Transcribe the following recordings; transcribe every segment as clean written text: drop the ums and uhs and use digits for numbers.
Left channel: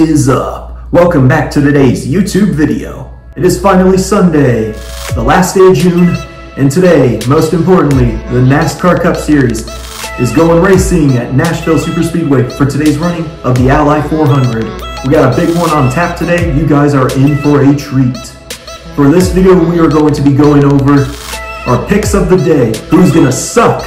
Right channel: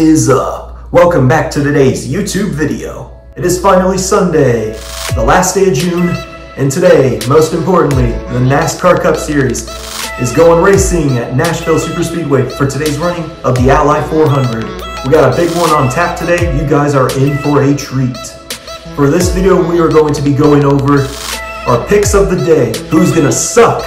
is up? Welcome back to today's YouTube video. It is finally Sunday, the last day of June, and today, most importantly, the NASCAR Cup Series is going racing at Nashville Superspeedway for today's running of the OUTLAW 400. We got a big one on tap today. You guys are in for a treat. For this video, we are going to be going over our picks of the day. Who's gonna suck?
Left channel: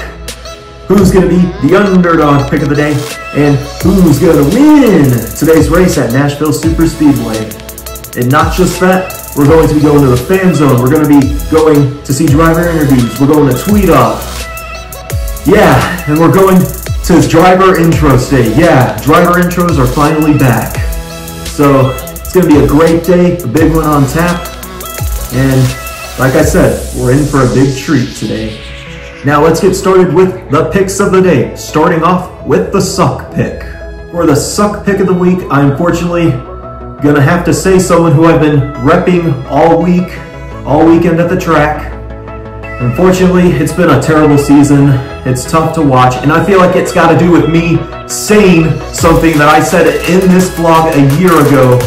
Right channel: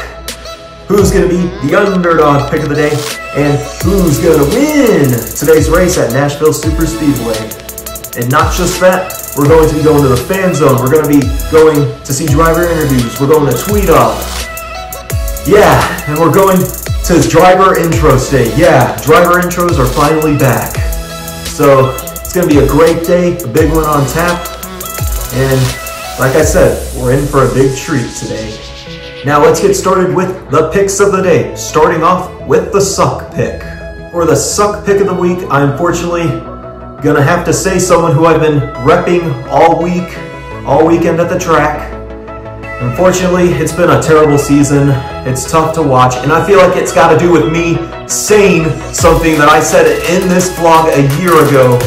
Who's gonna be the underdog pick of the day? And who's gonna win today's race at Nashville Superspeedway? And not just that, we're going to be going to the fan zone. We're gonna be going to see driver interviews. We're going to tweet off. Yeah, and we're going to driver intros today. Yeah, driver intros are finally back. So it's gonna be a great day, a big one on tap. And like I said, we're in for a big treat today. Now let's get started with the picks of the day, starting off with the suck pick. For the suck pick of the week, I'm unfortunately gonna have to say someone who I've been repping all weekend at the track. Unfortunately, it's been a terrible season. It's tough to watch, and I feel like it's gotta do with me saying something that I said in this vlog a year ago,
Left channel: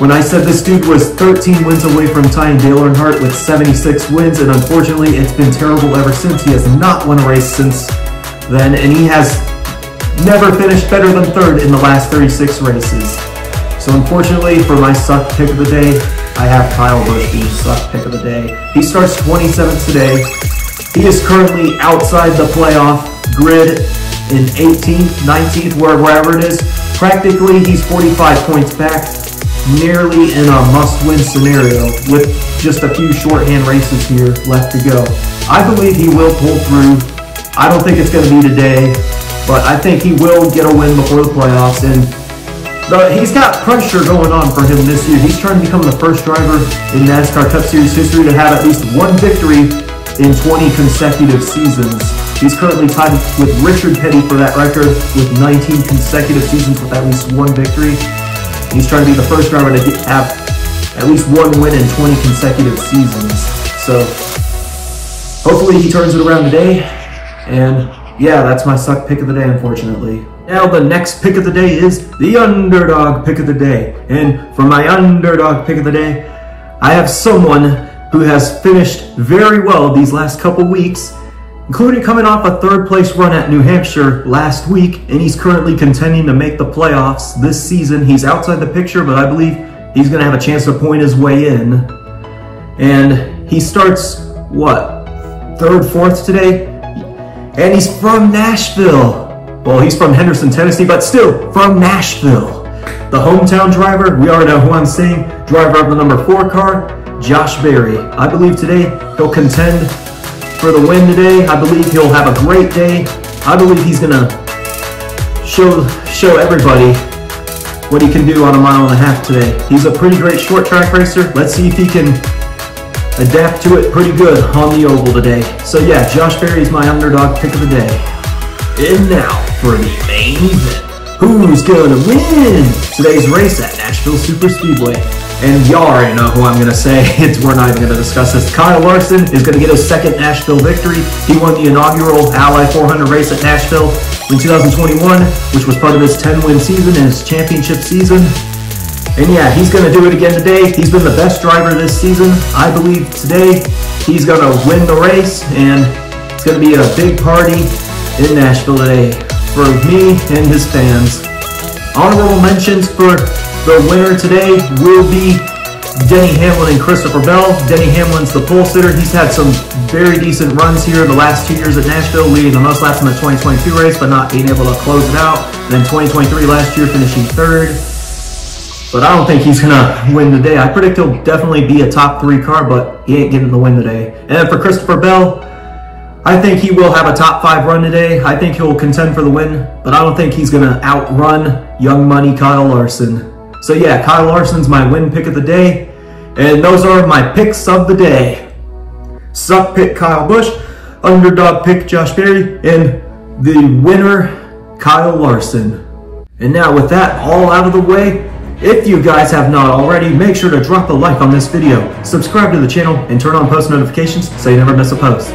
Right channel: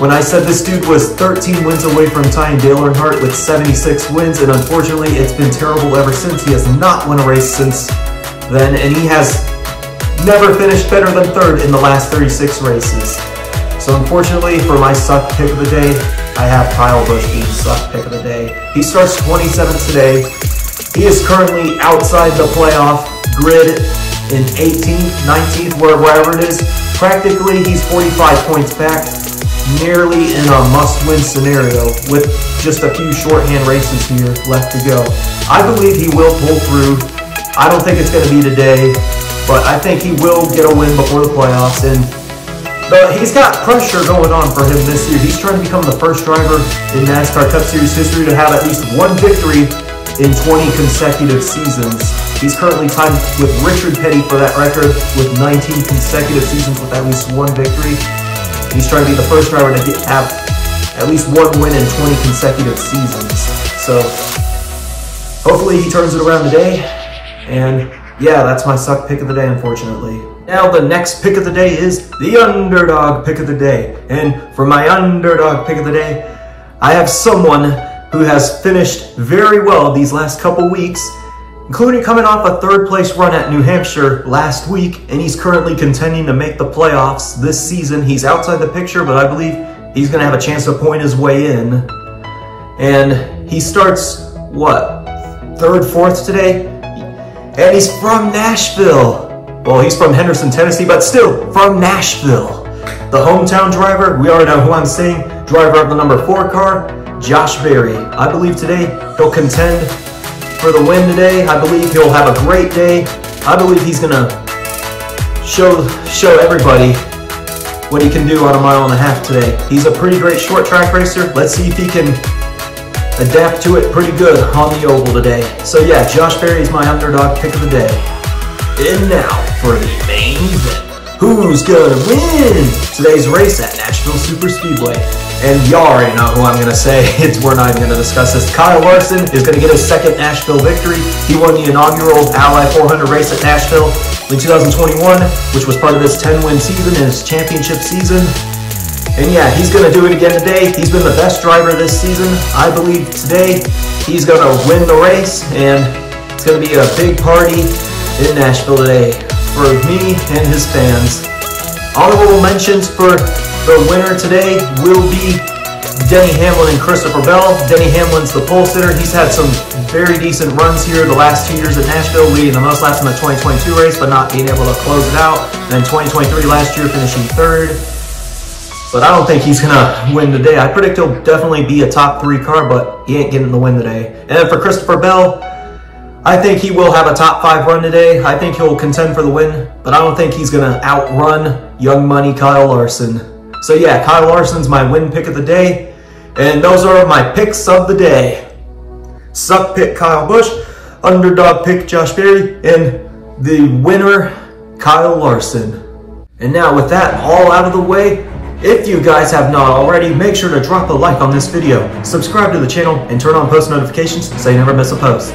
when I said this dude was 13 wins away from tying Dale Earnhardt with 76 wins, and unfortunately it's been terrible ever since. He has not won a race since then, and he has never finished better than third in the last 36 races. So unfortunately for my suck pick of the day, I have Kyle Busch being suck pick of the day. He starts 27th today. He is currently outside the playoff grid in 18th, 19th, wherever it is. Practically he's 45 points back, nearly in a must-win scenario with just a few shorthand races here left to go. I believe he will pull through. I don't think it's going to be today, but I think he will get a win before the playoffs. And he's got pressure going on for him this year. He's trying to become the first driver in NASCAR Cup Series history to have at least one victory in 20 consecutive seasons. He's currently tied with Richard Petty for that record with 19 consecutive seasons with at least one victory. He's trying to be the first driver to have at least one win in 20 consecutive seasons. So hopefully he turns it around today. And yeah, that's my suck pick of the day, unfortunately. Now the next pick of the day is the underdog pick of the day. And for my underdog pick of the day, I have someone who has finished very well these last couple weeks, including coming off a third place run at New Hampshire last week, and he's currently contending to make the playoffs this season. He's outside the picture, but I believe he's gonna have a chance to point his way in. And he starts, what, third, fourth today? And he's from Nashville. Well, he's from Henderson, Tennessee, but still from Nashville. The hometown driver, we already know who I'm saying, driver of the number 4 car, Josh Berry. I believe today he'll contend for the win today. I believe he'll have a great day. I believe he's gonna show everybody what he can do on a 1.5 miles today. He's a pretty great short track racer. Let's see if he can adapt to it pretty good on the oval today. So yeah, Josh Berry is my underdog pick of the day. And now for the main event. Who's gonna win today's race at Nashville Superspeedway? And y'all already know who I'm gonna say. We're not even gonna discuss this. Kyle Larson is gonna get his second Nashville victory. He won the inaugural OUTLAW 400 race at Nashville in 2021, which was part of his 10-win season and his championship season. And yeah, he's gonna do it again today. He's been the best driver this season. I believe today he's gonna win the race, and it's gonna be a big party in Nashville today for me and his fans. Honorable mentions for the winner today will be Denny Hamlin and Christopher Bell. Denny Hamlin's the pole sitter. He's had some very decent runs here the last 2 years at Nashville, leading the most laps in the 2022 race, but not being able to close it out. And then 2023 last year, finishing third. But I don't think he's gonna win today. I predict he'll definitely be a top 3 car, but he ain't getting the win today. And then for Christopher Bell, I think he will have a top 5 run today. I think he'll contend for the win, but I don't think he's gonna outrun Young Money Kyle Larson. So yeah, Kyle Larson's my win pick of the day, and those are my picks of the day. Suck pick Kyle Busch, underdog pick Josh Berry, and the winner Kyle Larson. And now with that all out of the way, if you guys have not already, make sure to drop a like on this video, subscribe to the channel, and turn on post notifications so you never miss a post.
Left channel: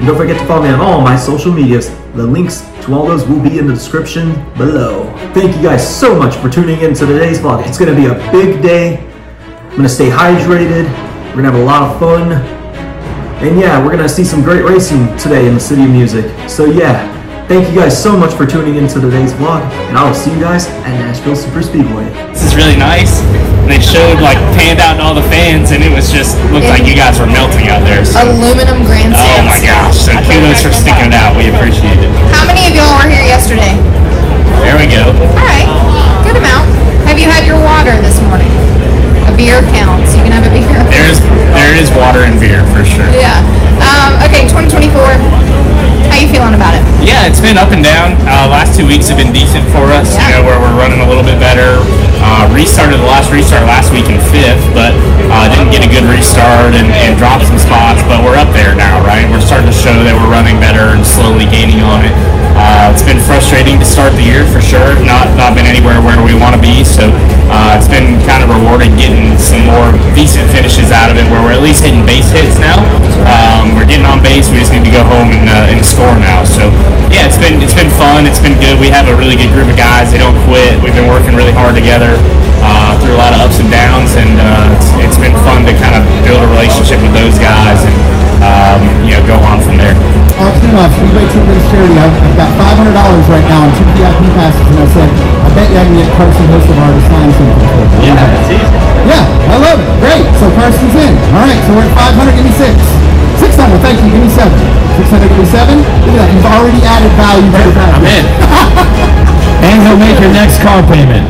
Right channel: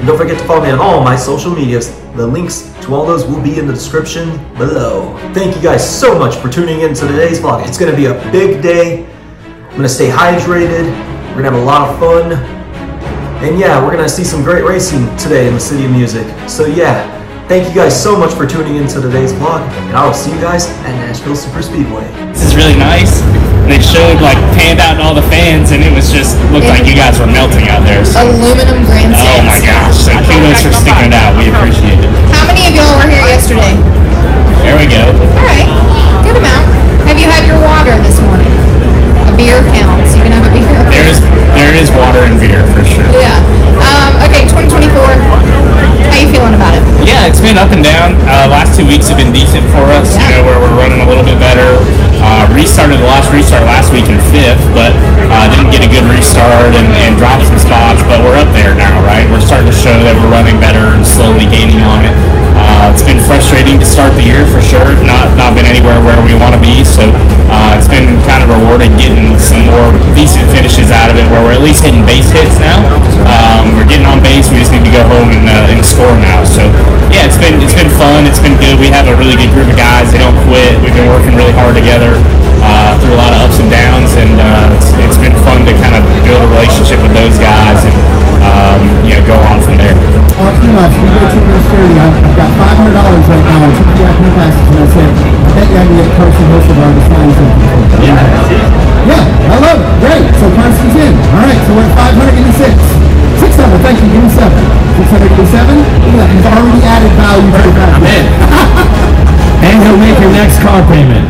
And don't forget to follow me on all my social medias. The links to all those will be in the description below. Thank you guys so much for tuning in to today's vlog. It's gonna be a big day. I'm gonna stay hydrated. We're gonna have a lot of fun. And yeah, we're gonna see some great racing today in the City of Music. So yeah, thank you guys so much for tuning in to today's vlog, and I will see you guys at Nashville Super Speedway. This is really nice. They showed, like, panned out to all the fans, and it was just, looked like you guys were melting out there. So. Aluminum grandstands. Oh my gosh, so kudos for sticking it out. We appreciate it. How many of y'all were here yesterday? There we go. All right, good amount. Have you had your water this morning? A beer counts. You can have a beer. There is water and beer for sure. Yeah. Okay, 2024. How you feeling about it? Yeah, it's been up and down. Last 2 weeks have been decent for us. Yeah. You know, where we're running a little bit better. Restarted the last restart last week in 5th, but didn't get a good restart and dropped some spots. But we're up there now, right? We're starting to show that we're running better and slowly gaining on it. It's been frustrating to start the year for sure. Not been anywhere where we want to be. So it's been kind of rewarding getting some more decent finishes out of it, where we're at least hitting base hits now. We're getting on base. We just need to go home and score now. So yeah, it's been fun. It's been good. We have a really good group of guys. They don't quit. We've been working really hard together through a lot of ups and downs, and it's been fun to kind of build a relationship with those guys and you know, go on from there. Team ups, we go to this charity. I've got $500 right now on 2 VIP passes, and I said, I bet you I can get Carson Hossevar to sign something. Yeah, I love it. Great. So Carson's in. All right, so we're at 500. Give me 6. 600. Thank you. Give me 7. 600. Give me 7. Look at that. You've already added value to the value. I'm in. And he'll make your next car payment.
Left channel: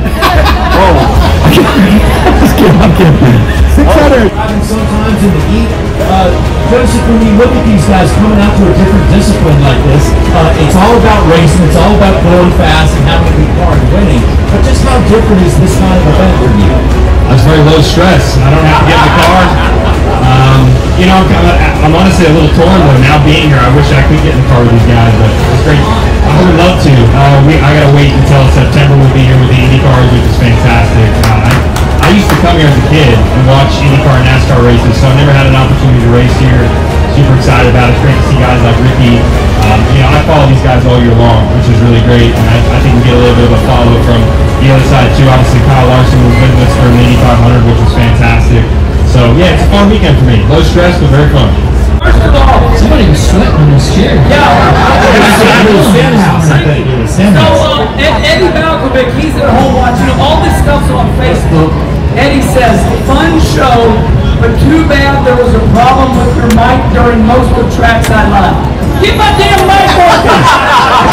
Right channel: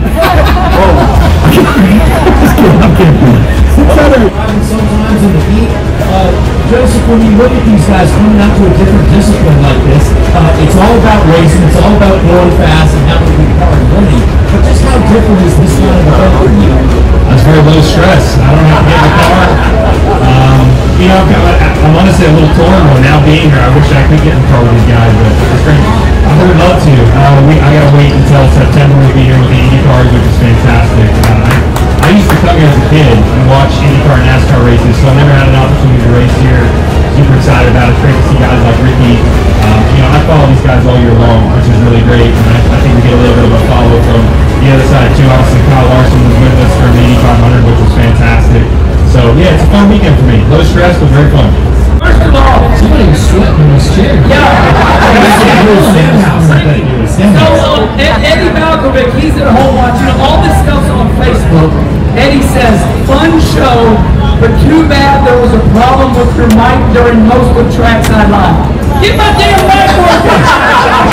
Just kidding, I'm kidding. 600. Sometimes in the heat, Joseph, when you look at these guys coming out to a different discipline like this, it's all about racing, it's all about going fast and having a good car and winning. But just how different is this kind of event for you? It's very low stress. I don't have to get in the car. You know, I'm honestly a little torn though. Now being here, I wish I could get in the car with these guys, but it's great. I would love to. I gotta wait until September. We'll be here with the Indy cars, which is fantastic. I used to come here as a kid and watch IndyCar and NASCAR races, so I never had an opportunity to race here. Super excited about it. It's great to see guys like Ricky. You know, I follow these guys all year long, which is really great, and I think we get a little bit of a follow from the other side too. Obviously, Kyle Larson was with us for the Indy 500, which was fantastic. So yeah, it's a fun weekend for me. Low stress, but very fun. First of all, Somebody was sweating in his chair. yeah. So Eddie Malkovic, he's at home watching all this stuff's on Facebook. Eddie says, fun show, but too bad there was a problem with your mic during most of trackside live. Get my damn mic working!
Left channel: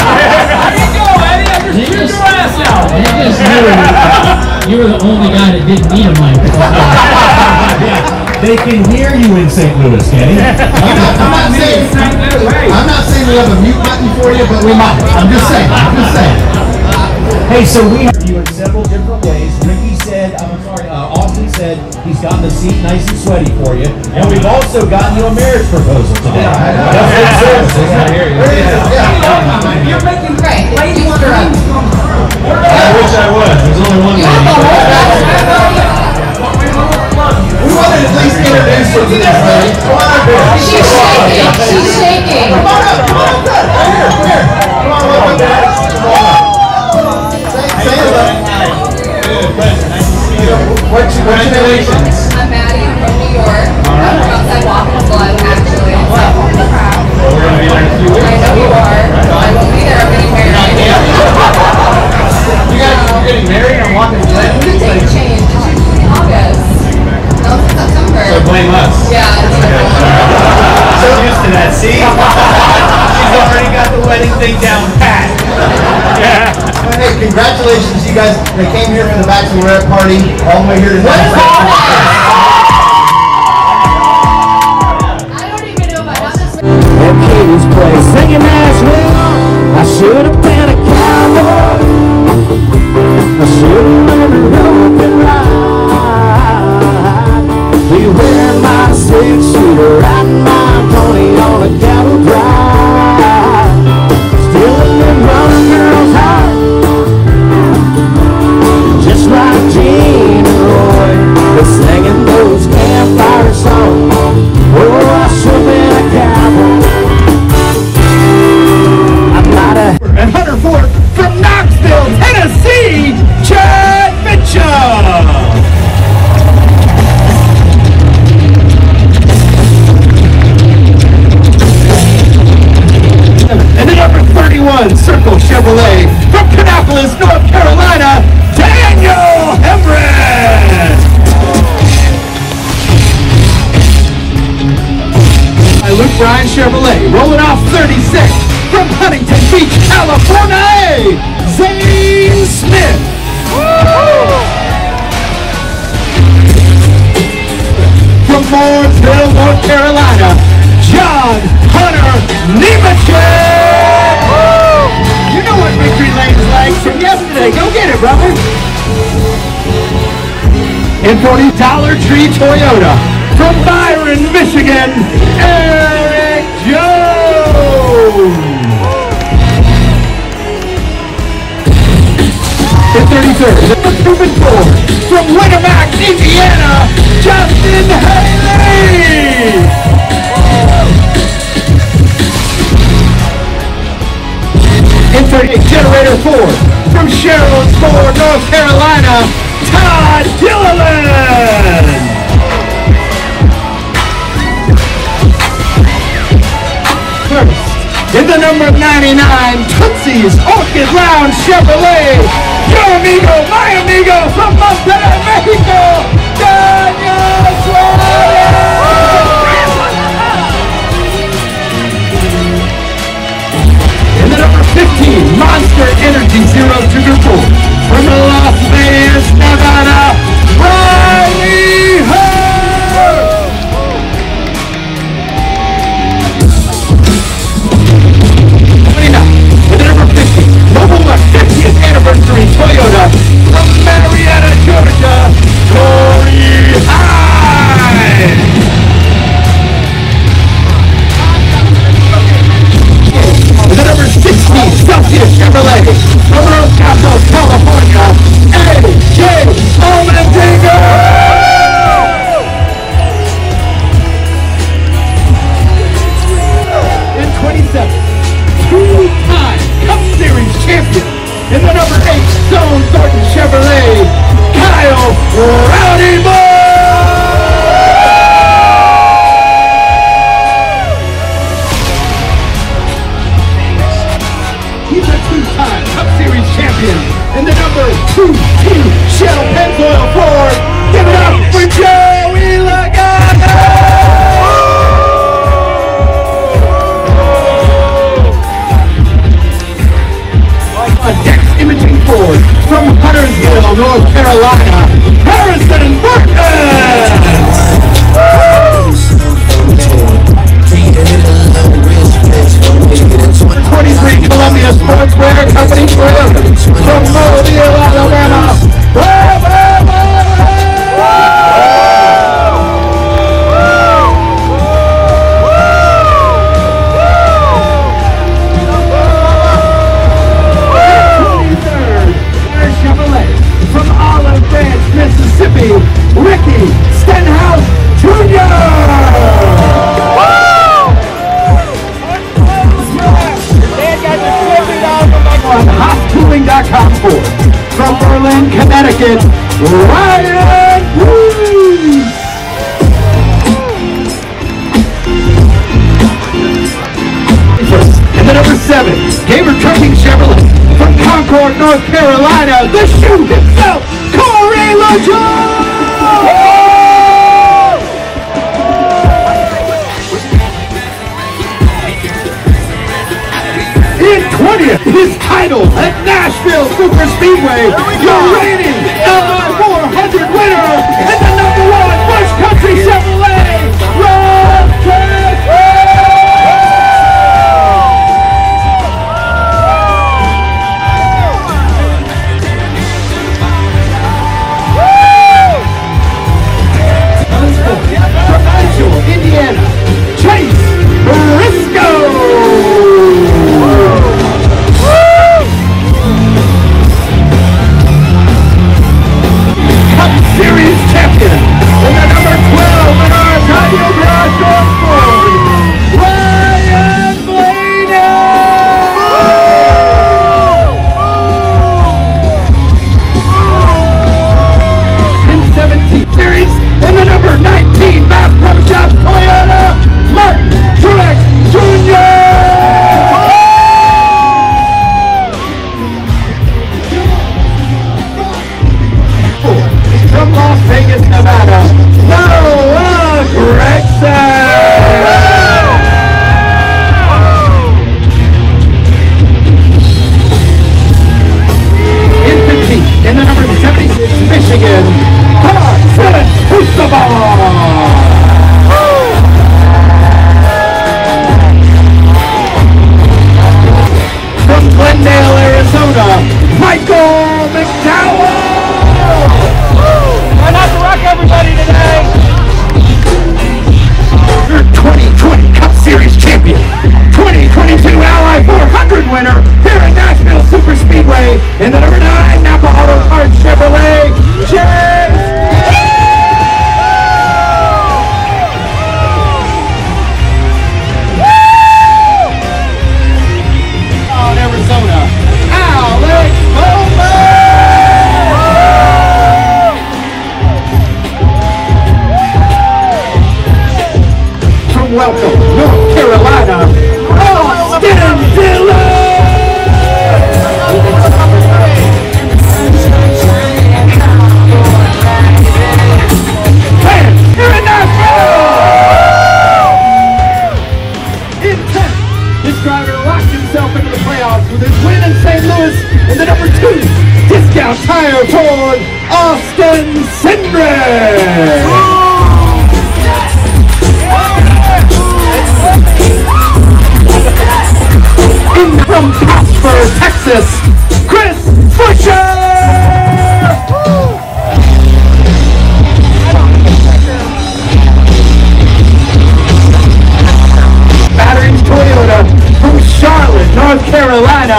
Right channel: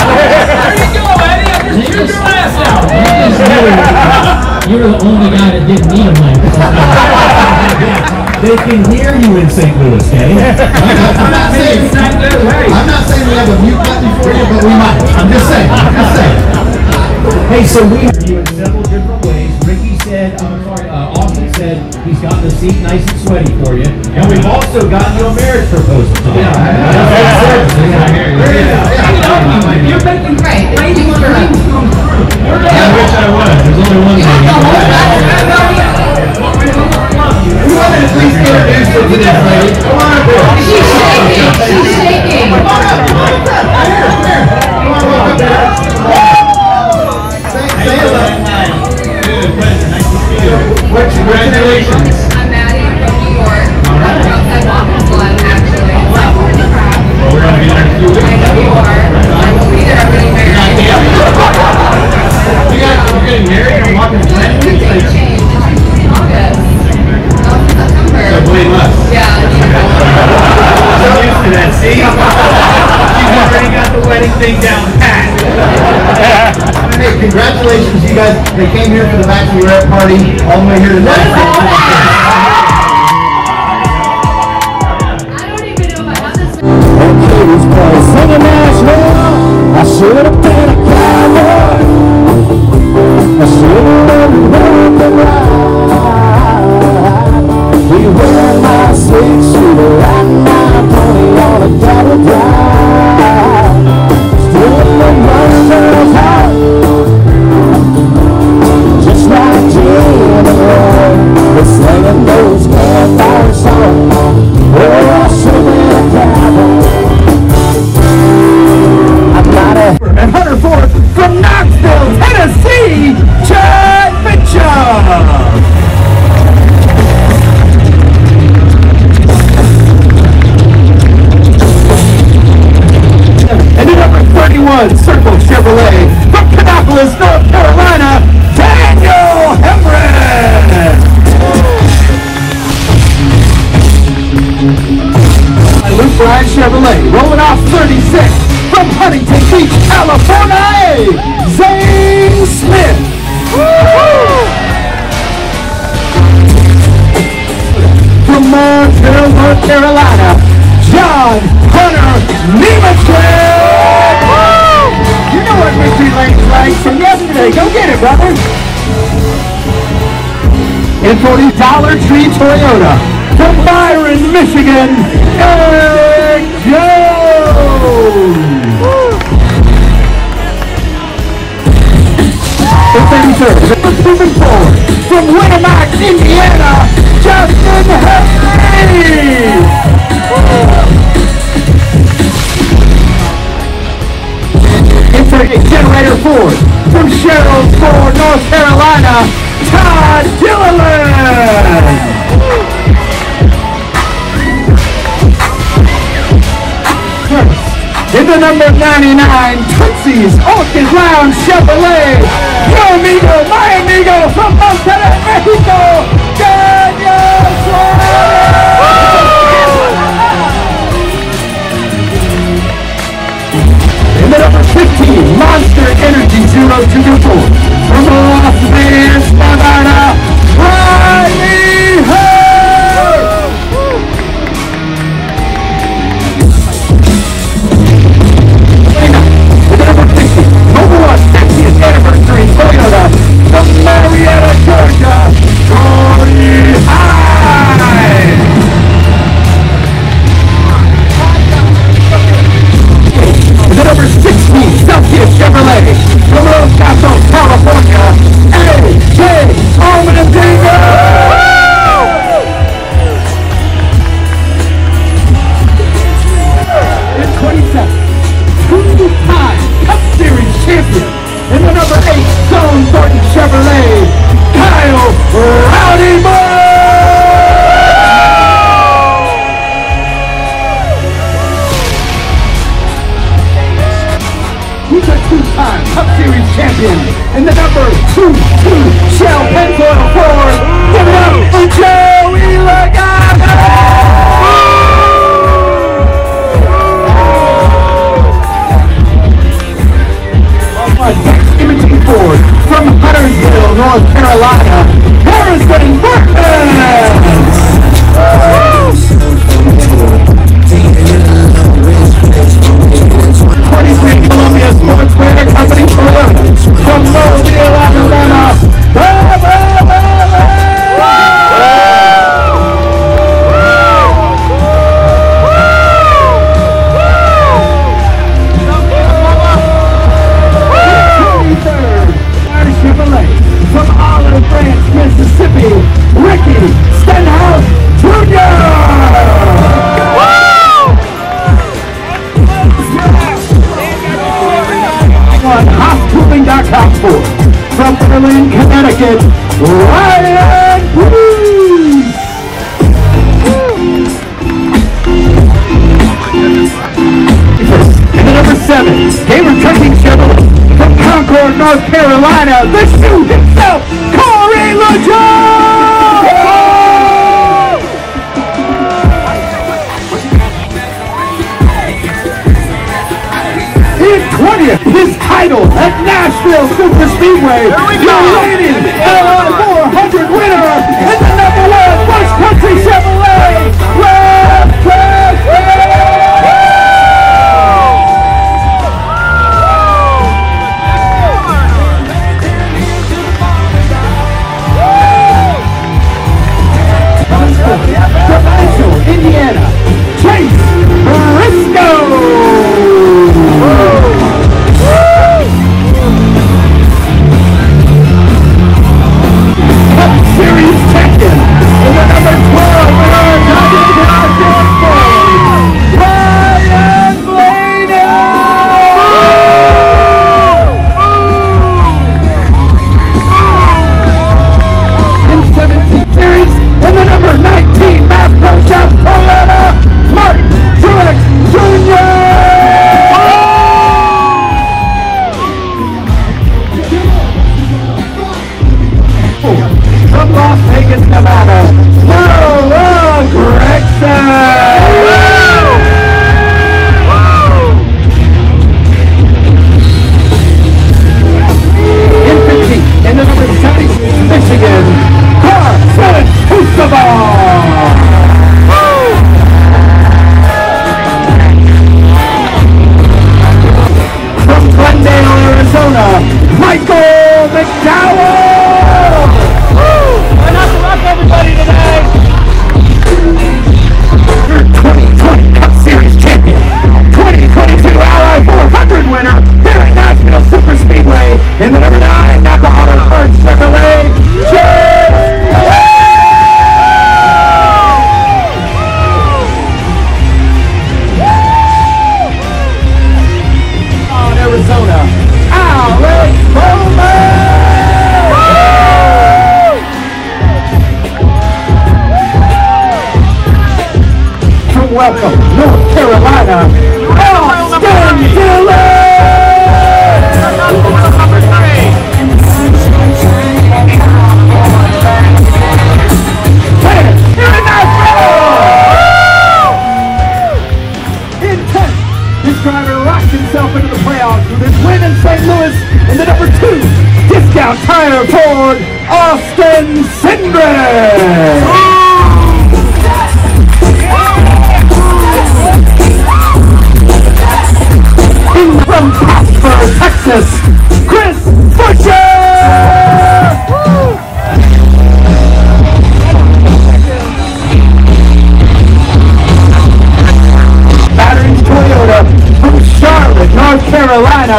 There you go, Eddie. I just took your ass out. You were the only guy that didn't need a mic. They can hear you in St. Louis, Eddie. I'm not saying we have a mute button for you, but we might. I'm just saying. Hey, so we have you in several different ways. Ricky said, Austin said he's got the seat nice and sweaty for you. And we've also got you a marriage proposal today. You're making great. Ladies' dreams come true. I wish I was. There's only one lady. We wanted to at least introduce her to this lady. Come on, girl. She's shaking. She's shaking. Come on up. Come here. Welcome back. Say hello. Congratulations. I'm Maddie from New York. I'm outside Waffle Blood, actually. So, We're going to be there in a few weeks. I know you are. I'm going to be there. I'm getting married. You guys are getting married or walking the The date changed to August. No, it's September. So blame us. Yeah, it's I'm used to that, see? She's already got the wedding thing down pat. Hey, congratulations, you guys. They came here for the bachelorette party all the way here to Nashville. I don't even know about this. And Katie's place singing Nashville. I should have been a cowboy. I should have been an open ride. Be wearing my 6-shooter, riding my pony on a cattle drive. Stealing the young girl's heart, just like Gene and Roy, but singing those campfire songs. Oh, I should have been a cowboy. Brian Chevrolet. Rolling off 36 from Huntington Beach, California, Zane Smith. From Mooresville, North Carolina, John Hunter Nemechek. You know what victory lane is like from yesterday. Go get it, brother. And for the Dollar Tree Toyota, from Byron, Michigan, Eric Jones. In 33rd, moving forward, from Winamac, Indiana, Justin Haley. In 38, Generator Ford, from Sherrills, North Carolina, Todd Gilliland. In the number 99, Tootsie's Orchid Lounge Chevrolet, your amigo, my amigo, from Monterrey, Mexico, Daniel Suarez. In the number 15, Monster Energy 024, from Las Vegas, Nevada, Riley Hurd. Number 50th anniversary Toyota from Marietta, Georgia, Tony High. The number 16 Celsius Chevrolet from Los Gatos, California, A.J. Allmendinger. In 27, two-time Cup Series champion in the number 8 Stone Thornton Chevrolet, Kyle Rowdy Moore. He's a two-time Cup Series champion in the number 2 Shell Pennzoil Ford. Give it up for Joey Lagana. Imaging Ford from Huntersville, North Carolina, Harrison Burton. Columbia Sportswear Company from Mobile Arena. Mississippi, Ricky Stenhouse Jr. Housecooling.com from Berlin, Connecticut, Ryan Bruce. And the number 7, Gamer Trucking Chevrolet from Concord, North Carolina, the shoe himself, Corey LaJoy! In 20th, his title at Nashville Super Speedway, the reigning LR 400 winner, and the number 1 Busch Country Chevrolet, Rob Casper! Indiana, Chase Briscoe. Cup Series champion, and the number 12 winner welcome North Carolina, Austin Dillon! This driver rocked himself into the playoffs with his win in St. Louis in the number 2 discount tire Ford, Austin Cindric. In from Casper, Texas, Chris Busher. Toyota from Charlotte, North Carolina,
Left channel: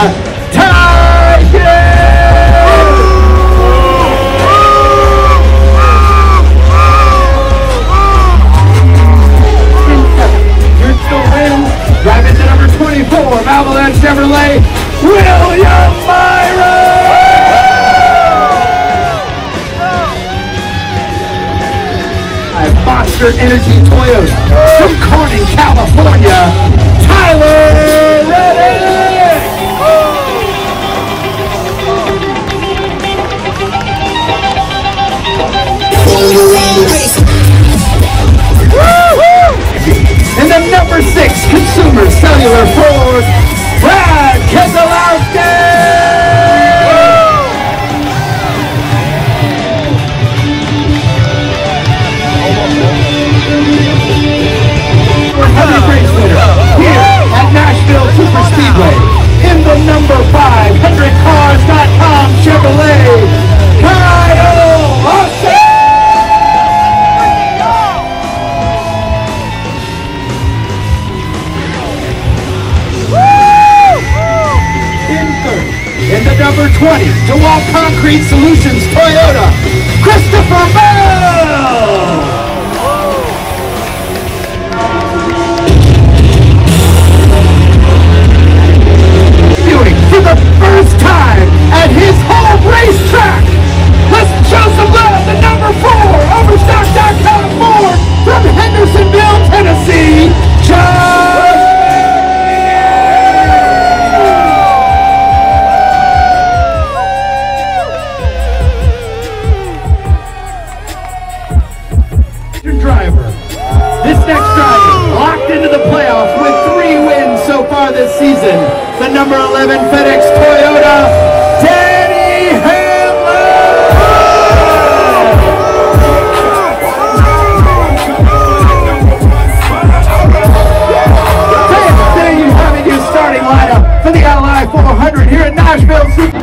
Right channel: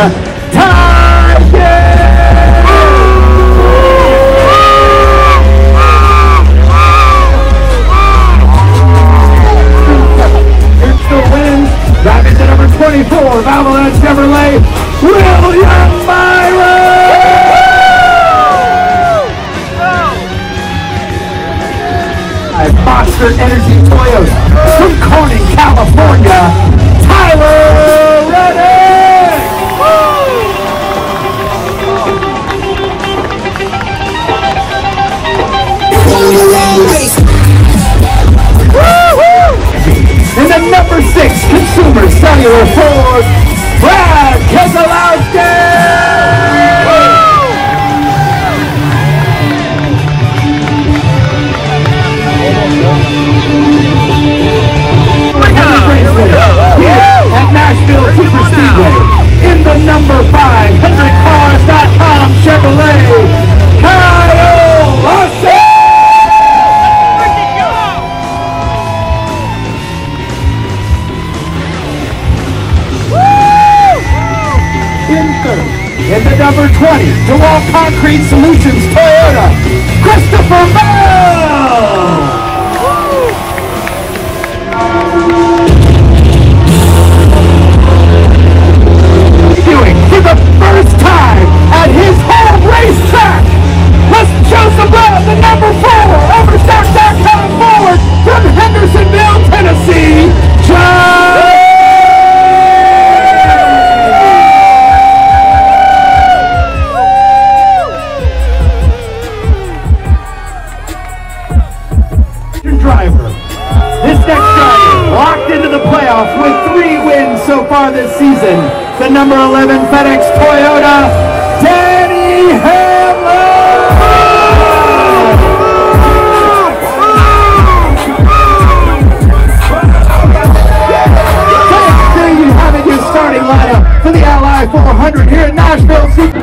driving to number 24 of Avalanche Chevrolet, William Myron! Monster Energy Toyota from Corning, California, Tyler Reddick! In the number 6 Consumer Cellular Ford, Brad Keselowski! Here at Nashville Super Speedway, in the number 5 100cars.com Chevrolet, Kyle Larson! In third, in the number 20, DeWalt Concrete Solutions Toyota, Christopher Mayo! For the first time at his home racetrack, let's show some love to number 4 Overstock.com forward from Hendersonville, Tennessee, John! Driver. This next driver locked into the playoffs with 3 wins so far this season. The number 11 FedEx Toyota, Danny Hamlin! Today you having your starting lineup for the Ally 400 here at Nashville Super.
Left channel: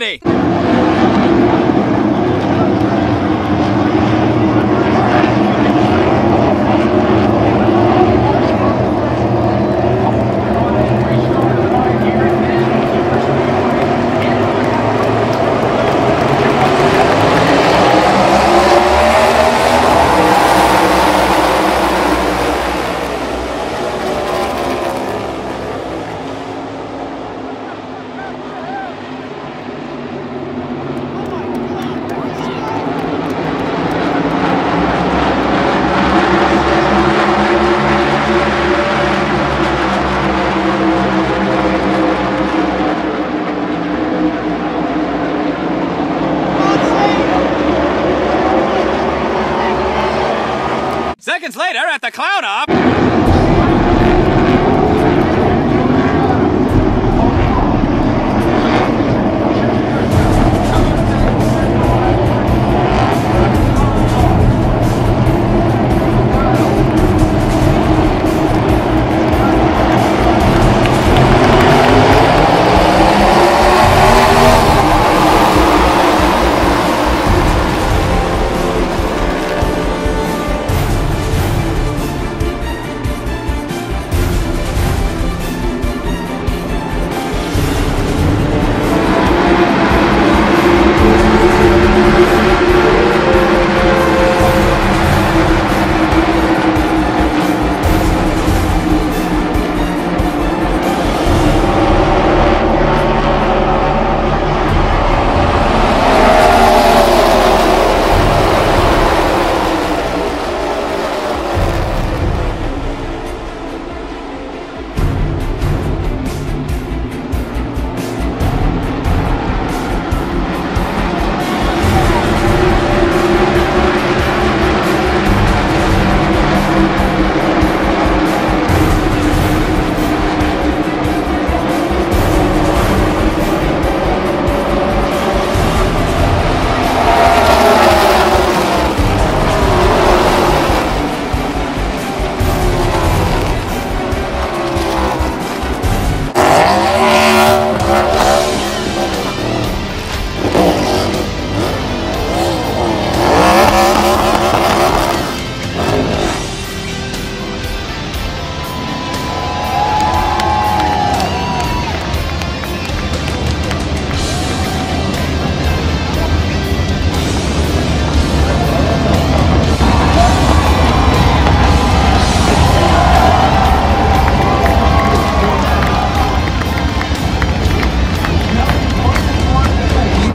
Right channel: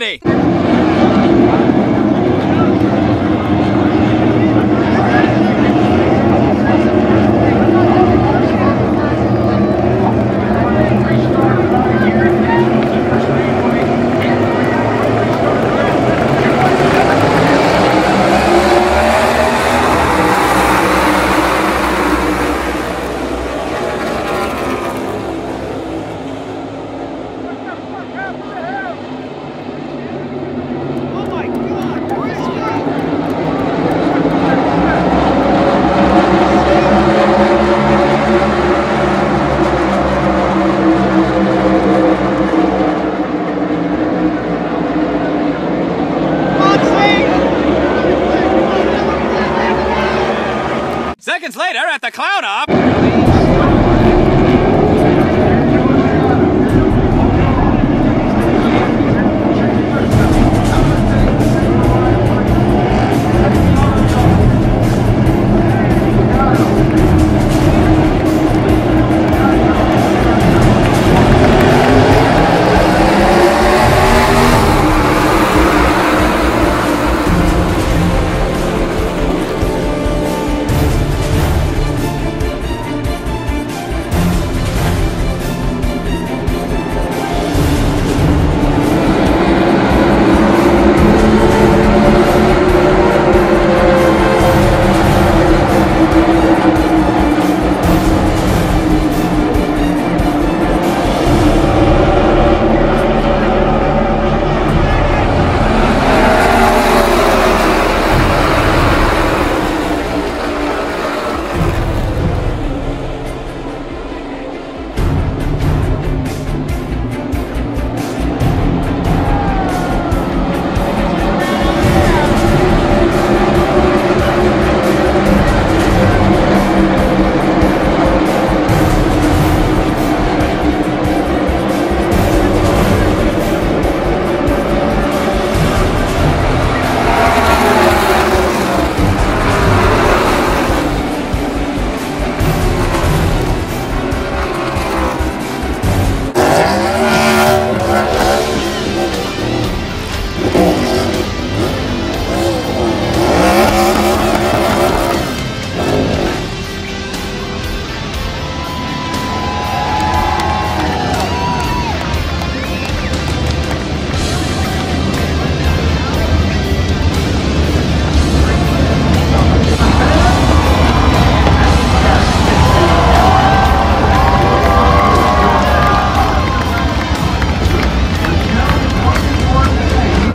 ready. Seconds later at the clown up.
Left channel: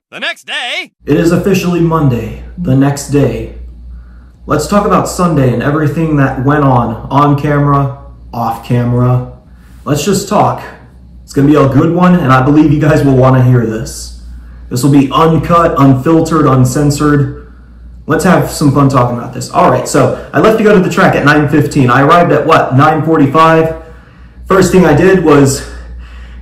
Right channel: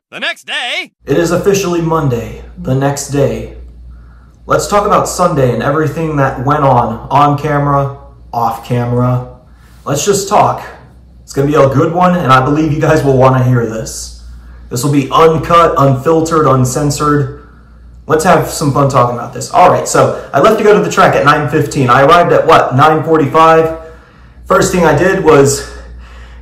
The next day. It is officially Monday, the next day. Let's talk about Sunday and everything that went on camera, off camera. Let's just talk. It's gonna be a good one, and I believe you guys will wanna hear this. This will be uncut, unfiltered, uncensored. Let's have some fun talking about this. All right, so I left to go to the track at 9:15. I arrived at what, 9:45? First thing I did was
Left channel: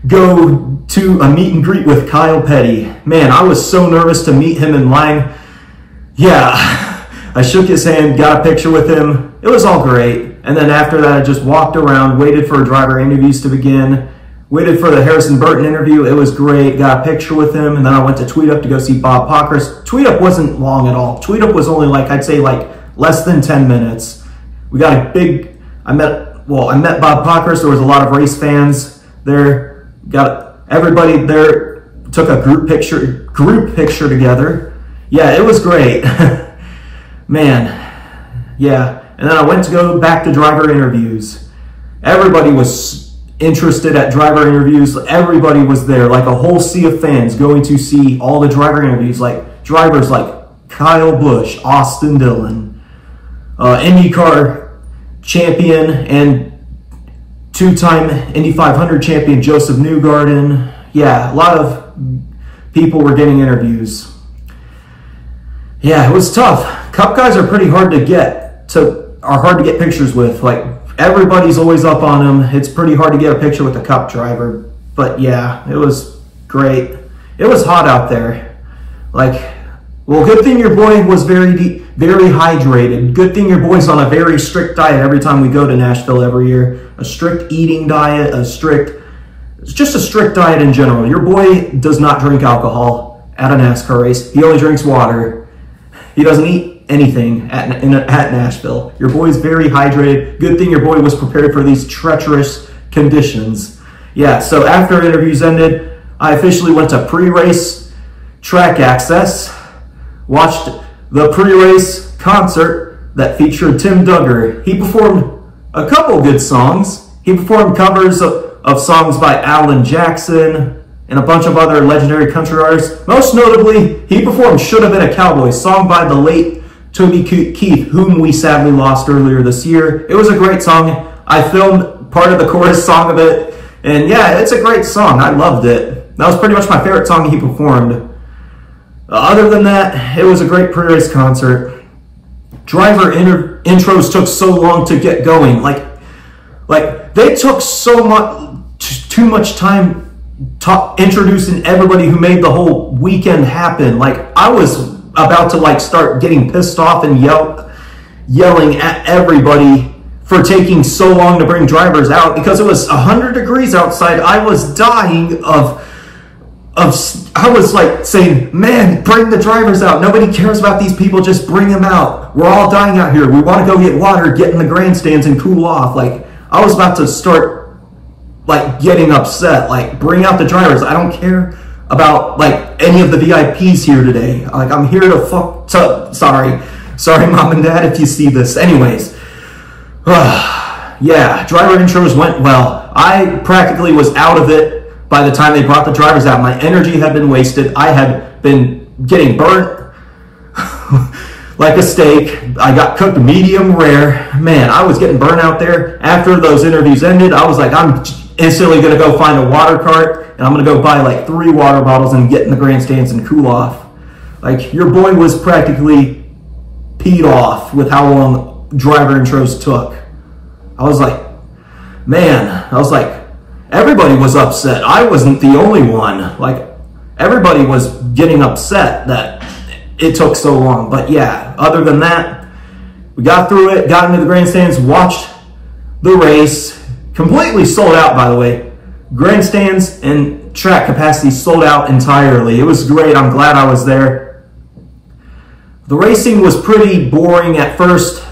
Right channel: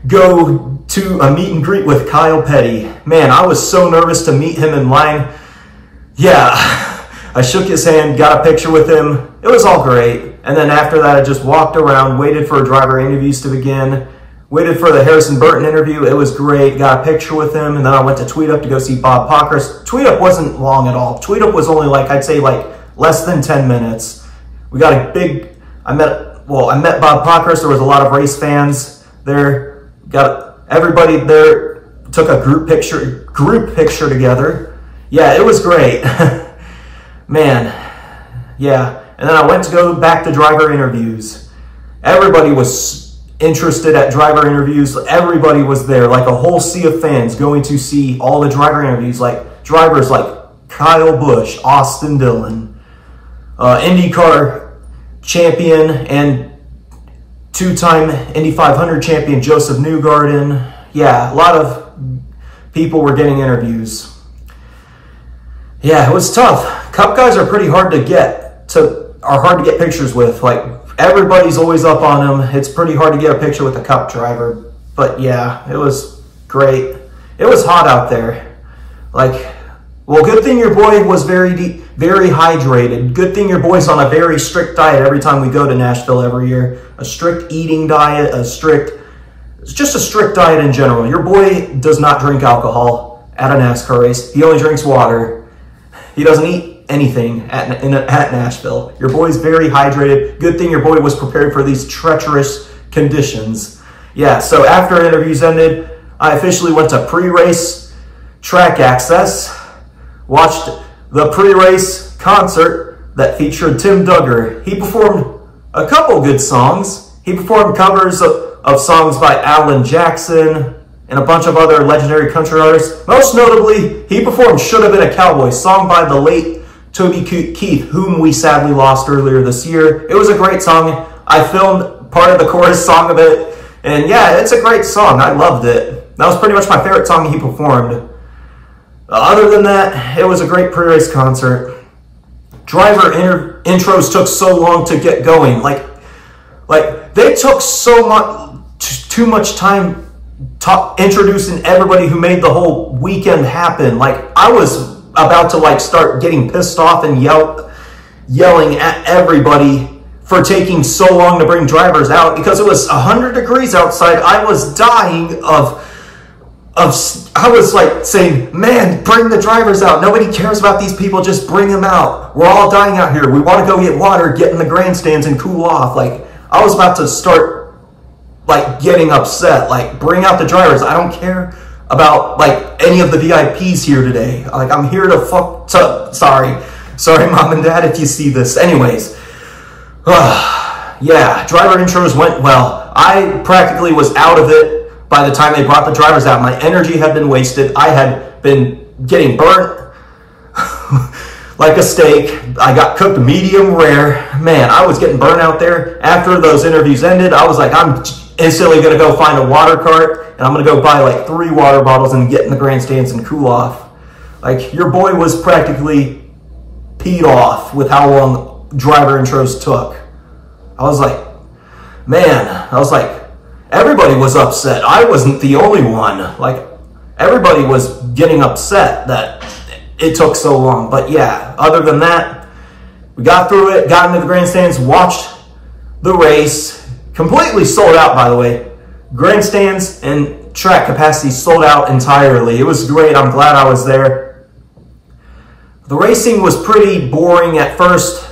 go to a meet and greet with Kyle Petty. Man, I was so nervous to meet him in line. Yeah, I shook his hand, got a picture with him. It was all great. And then after that, I just walked around, waited for driver interviews to begin, waited for the Harrison Burton interview. It was great, got a picture with him. And then I went to Tweet Up to go see Bob Pockers. Tweet Up wasn't long at all. Tweet Up was only like, I'd say like less than 10 minutes. We got a big, I met Bob Pockers. There was a lot of race fans there. Got everybody there, took a group picture together. Yeah, it was great. Man, yeah. And then I went to go back to driver interviews. Everybody was interested at driver interviews. Everybody was there, like a whole sea of fans going to see all the driver interviews, like drivers like Kyle Busch, Austin Dillon, IndyCar champion and two-time Indy 500 champion Joseph Newgarden. Yeah, a lot of people were getting interviews. Yeah, it was tough. Cup guys are pretty hard to get pictures with. Like, everybody's always up on them. It's pretty hard to get a picture with a Cup driver. But yeah, it was great. It was hot out there. Like, well, good thing your boy was very hydrated. Good thing your boy's on a very strict diet every time we go to Nashville every year. A strict eating diet, just a strict diet in general. Your boy does not drink alcohol. at a NASCAR race. He only drinks water. He doesn't eat anything at Nashville. Your boy's very hydrated. Good thing your boy was prepared for these treacherous conditions. Yeah, so after interviews ended, I officially went to pre-race track access, watched the pre-race concert that featured Tim Duggar. He performed a couple good songs. He performed covers of songs by Alan Jackson and a bunch of other legendary country artists. Most notably, he performed Should Have Been a Cowboy, song by the late Toby Keith, whom we sadly lost earlier this year. It was a great song. I filmed part of the chorus song of it, and yeah, it's a great song. I loved it. That was pretty much my favorite song he performed. Other than that, it was a great pre-race concert. Driver intros took so long to get going. Like they took too much time introducing everybody who made the whole weekend happen. Like, I was about to like start getting pissed off and yelling at everybody for taking so long to bring drivers out because it was 100 degrees outside. I was dying I was like saying, man, bring the drivers out. Nobody cares about these people. Just bring them out. We're all dying out here. We want to go get water, get in the grandstands and cool off. Like, I was about to start like getting upset. Like, bring out the drivers. I don't care about like any of the VIPs here today. Like, I'm here to sorry mom and dad if you see this. Anyways, yeah, driver intros went well. I practically was out of it by the time they brought the drivers out. My energy had been wasted. I had been getting burnt like a steak. I got cooked medium rare. Man, I was getting burnt out there. After those interviews ended, I was like, I'm instantly gonna go find a water cart and I'm gonna go buy like 3 water bottles and get in the grandstands and cool off. Like, your boy was practically peed off with how long driver intros took. I was like, everybody was upset. I wasn't the only one. Like, everybody was getting upset that it took so long. But yeah, other than that, we got through it, got into the grandstands, watched the race. Completely sold out, by the way. Grandstands and track capacity sold out entirely. It was great. I'm glad I was there. The racing was pretty boring at first.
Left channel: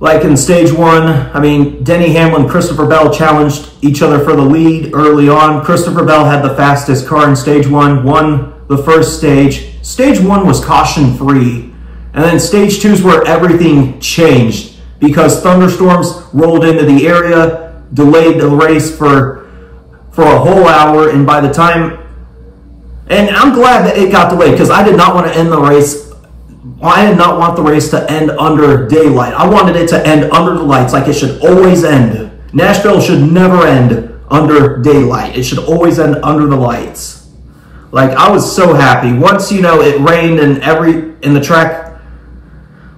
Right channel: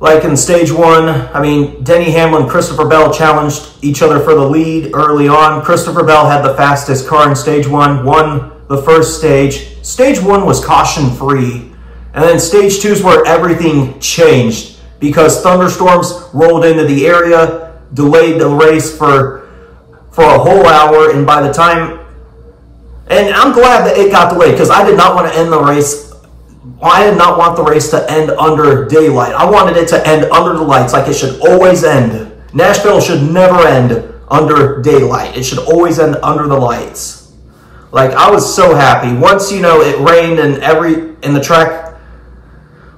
Like in stage 1, I mean, Denny Hamlin and Christopher Bell challenged each other for the lead early on. Christopher Bell had the fastest car in stage 1, won the first stage. Stage 1 was caution-free. And then stage 2 is where everything changed because thunderstorms rolled into the area, delayed the race for a whole hour, and by the time... And I'm glad that it got delayed because I did not want to end the race. I did not want the race to end under daylight. I wanted it to end under the lights, like it should always end. Nashville should never end under daylight. It should always end under the lights. Like, I was so happy. Once, you know, it rained and the track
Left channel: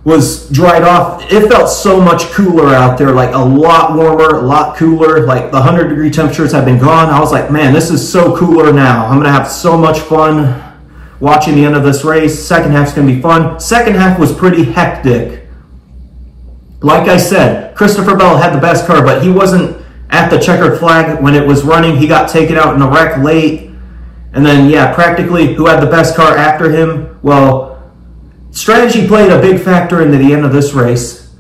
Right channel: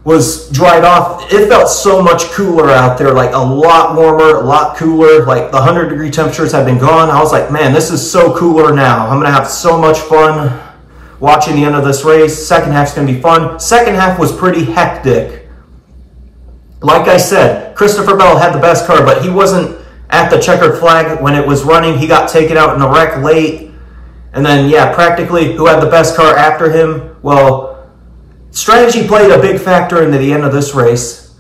was dried off, it felt so much cooler out there, like a lot warmer, a lot cooler. Like, the 100-degree temperatures had been gone. I was like, man, this is so cooler now. I'm going to have so much fun watching the end of this race. Second half's gonna be fun. Second half was pretty hectic. Like I said, Christopher Bell had the best car, but he wasn't at the checkered flag when it was running. He got taken out in the wreck late. And then, yeah, practically who had the best car after him? Well, strategy played a big factor into the end of this race.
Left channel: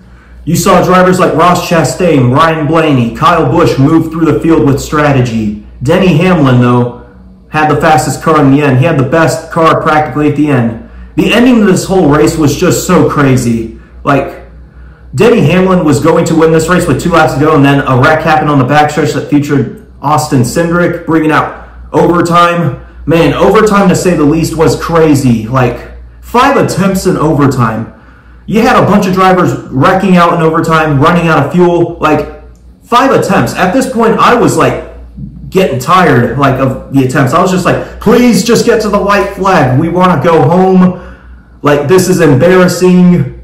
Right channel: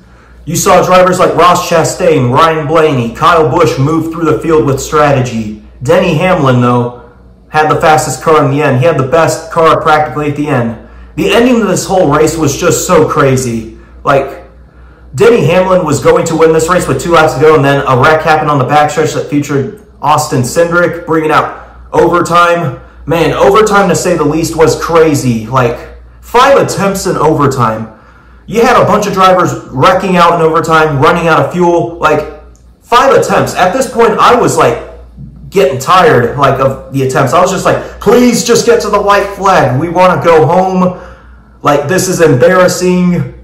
You saw drivers like Ross Chastain, Ryan Blaney, Kyle Busch move through the field with strategy. Denny Hamlin, though, had the fastest car in the end. He had the best car practically at the end. The ending of this whole race was just so crazy. Like, Denny Hamlin was going to win this race with 2 laps to go, and then a wreck happened on the backstretch that featured Austin Cindric, bringing out overtime. Man, overtime, to say the least, was crazy. Like, 5 attempts in overtime. You had a bunch of drivers wrecking out in overtime, running out of fuel. Like, 5 attempts. At this point, I was like, getting tired like of the attempts. I was just like, please just get to the white flag. We want to go home. Like, this is embarrassing.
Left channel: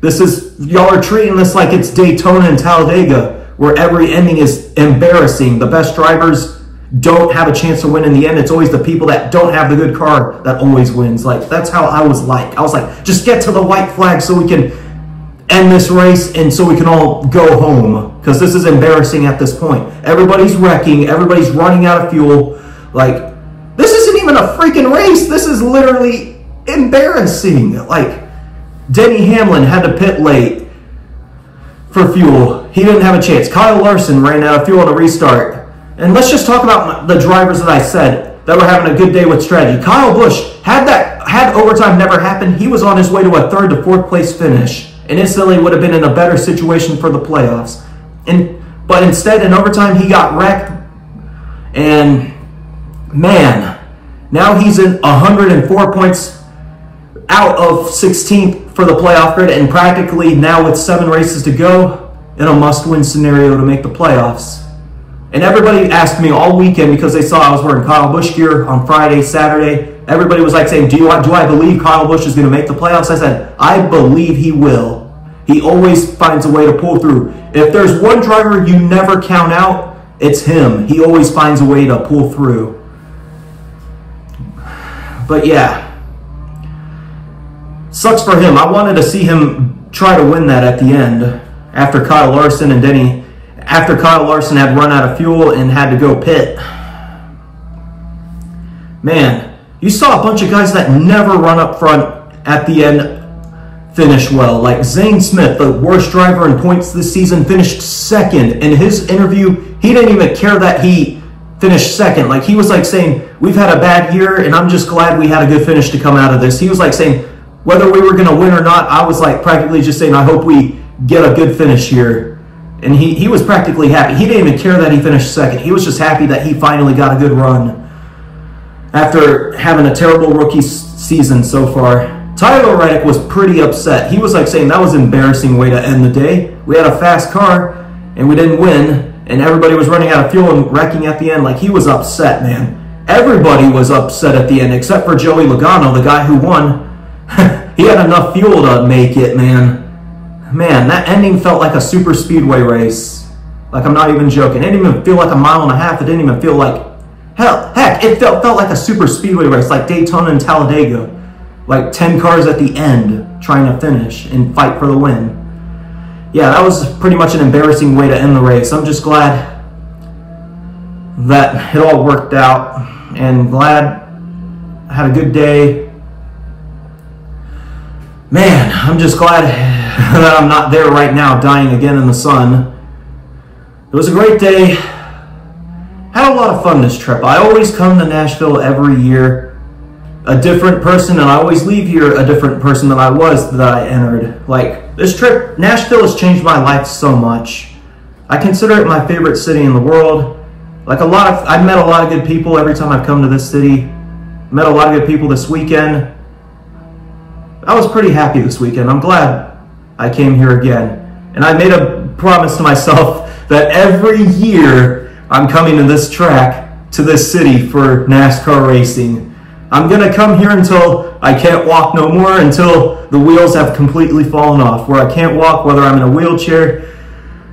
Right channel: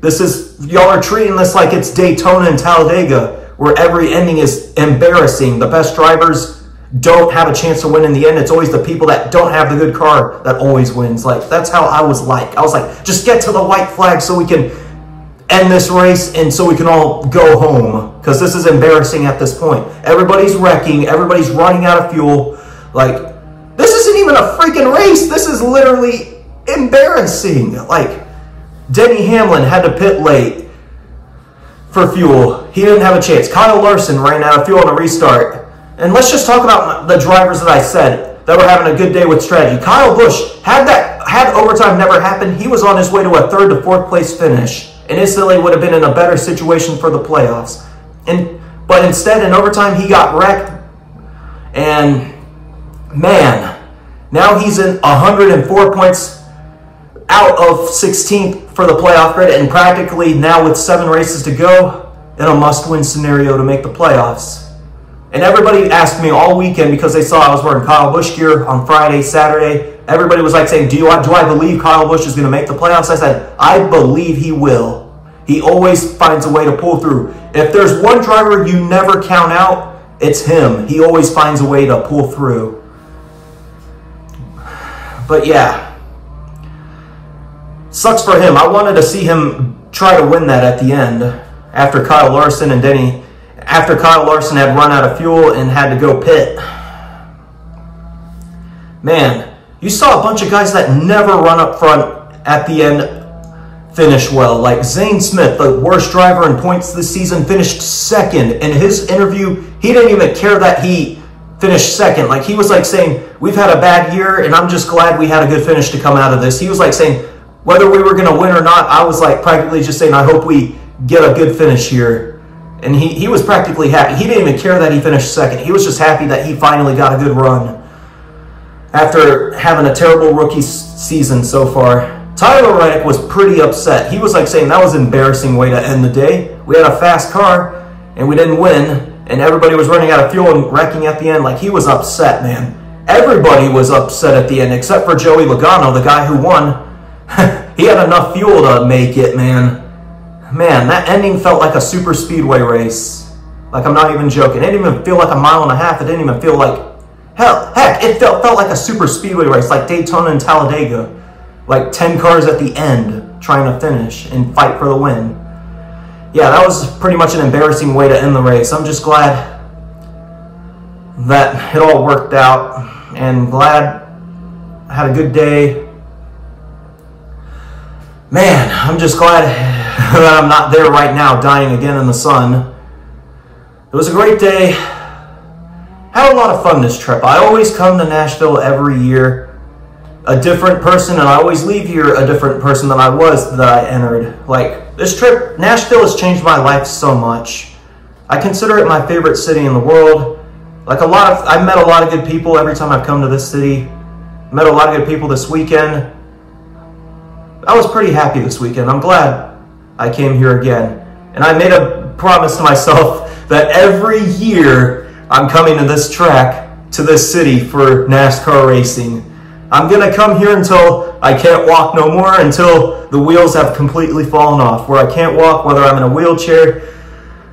Y'all are treating this like it's Daytona and Talladega, where every ending is embarrassing. The best drivers don't have a chance to win in the end. It's always the people that don't have the good car that always wins. Like, that's how I was like. I was like, just get to the white flag so we can end this race and so we can all go home, because this is embarrassing at this point. Everybody's wrecking, everybody's running out of fuel. Like, this isn't even a freaking race. This is literally embarrassing. Like, Denny Hamlin had to pit late for fuel. He didn't have a chance. Kyle Larson ran out of fuel on a restart. And let's just talk about the drivers that I said that were having a good day with strategy. Kyle Busch, had overtime never happened, he was on his way to a 3rd to 4th place finish and instantly would have been in a better situation for the playoffs. But instead, in overtime, he got wrecked. And man, now he's in 104 points out of 16th for the playoff grid, and practically now with 7 races to go in a must-win scenario to make the playoffs. And everybody asked me all weekend, because they saw I was wearing Kyle Busch gear on Friday, Saturday. Everybody was like saying, do I believe Kyle Busch is going to make the playoffs? I said, I believe he will. He always finds a way to pull through. If there's one driver you never count out, it's him. He always finds a way to pull through. But yeah, sucks for him. I wanted to see him try to win that at the end after Kyle Larson and Denny. After Kyle Larson had run out of fuel and had to go pit. Man, you saw a bunch of guys that never run up front at the end finish well. Like Zane Smith, the worst driver in points this season, finished 2nd. In his interview, he didn't even care that he finished 2nd. Like, he was like saying, we've had a bad year and I'm just glad we had a good finish to come out of this. He was like saying, whether we were going to win or not, I was like practically just saying, I hope we get a good finish here. And he was practically happy. He didn't even care that he finished 2nd. He was just happy that he finally got a good run after having a terrible rookie season so far. Tyler Reddick was pretty upset. He was like saying that was an embarrassing way to end the day. We had a fast car and we didn't win, and everybody was running out of fuel and wrecking at the end. Like, he was upset, man. Everybody was upset at the end except for Joey Logano, the guy who won. He had enough fuel to make it, man. Man, that ending felt like a super speedway race. Like, I'm not even joking. It didn't even feel like a mile and a half. It didn't even feel like, heck, it felt like a super speedway race, like Daytona and Talladega. Like 10 cars at the end trying to finish and fight for the win. Yeah, that was pretty much an embarrassing way to end the race. I'm just glad that it all worked out and glad I had a good day. Man, I'm just glad that I'm not there right now dying again in the sun. It was a great day. Had a lot of fun this trip. I always come to Nashville every year a different person, and I always leave here a different person than I was that I entered. Like, this trip, Nashville has changed my life so much. I consider it my favorite city in the world. Like, I met a lot of good people every time I've come to this city. Met a lot of good people this weekend. I was pretty happy this weekend. I'm glad I came here again. And I made a promise to myself that every year I'm coming to this track, to this city for NASCAR racing. I'm gonna come here until I can't walk no more, until the wheels have completely fallen off. Where I can't walk, whether I'm in a wheelchair,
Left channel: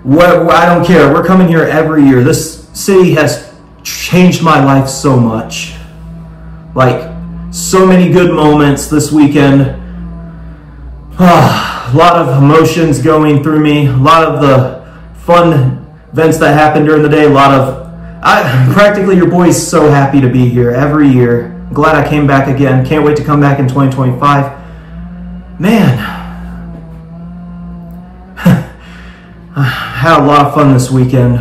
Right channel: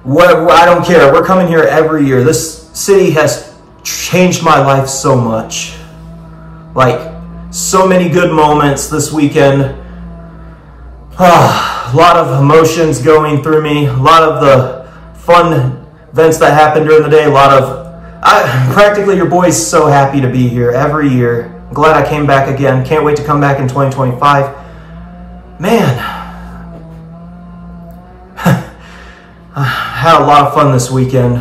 whatever, I don't care. We're coming here every year. This city has changed my life so much. Like, so many good moments this weekend. A lot of emotions going through me. A lot of the fun events that happened during the day. Practically your boy's so happy to be here every year. I'm glad I came back again. Can't wait to come back in 2025. Man, I had a lot of fun this weekend.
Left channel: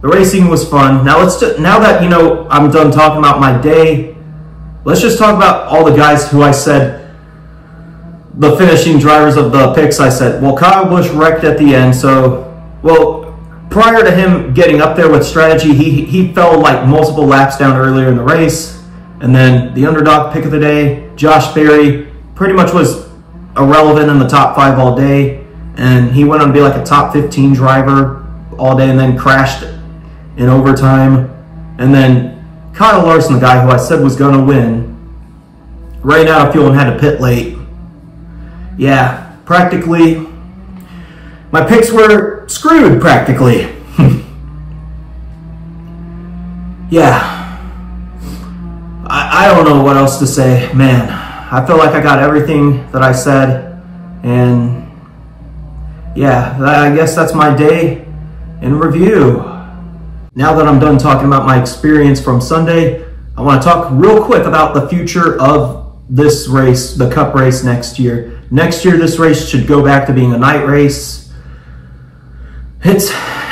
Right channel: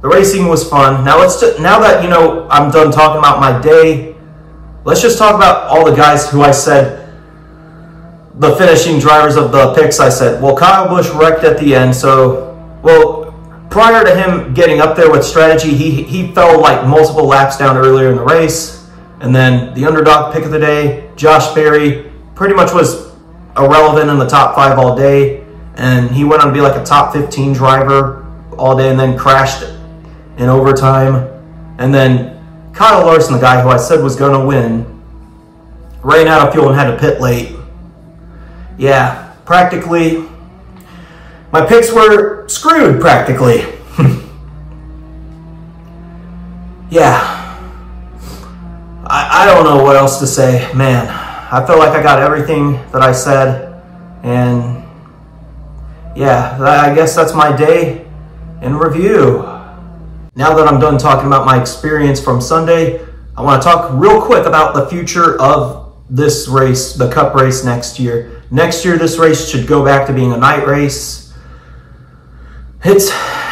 The racing was fun. Now that, you know, I'm done talking about my day, let's just talk about all the guys who I said, the finishing drivers of the picks. I said, well, Kyle Busch wrecked at the end. So, well, prior to him getting up there with strategy, he fell like multiple laps down earlier in the race. And then the underdog pick of the day, Josh Berry, pretty much was irrelevant in the top 5 all day. And he went on to be like a top 15 driver all day and then crashed in overtime. And then Kyle Larson, the guy who I said was going to win, ran out of fuel and had to pit late. Yeah, practically, my picks were screwed, practically. Yeah, I don't know what else to say. Man, I feel like I got everything that I said, and yeah, I guess that's my day in review. Now that I'm done talking about my experience from Sunday, I want to talk real quick about the future of this race, the Cup race next year. Next year, this race should go back to being a night race.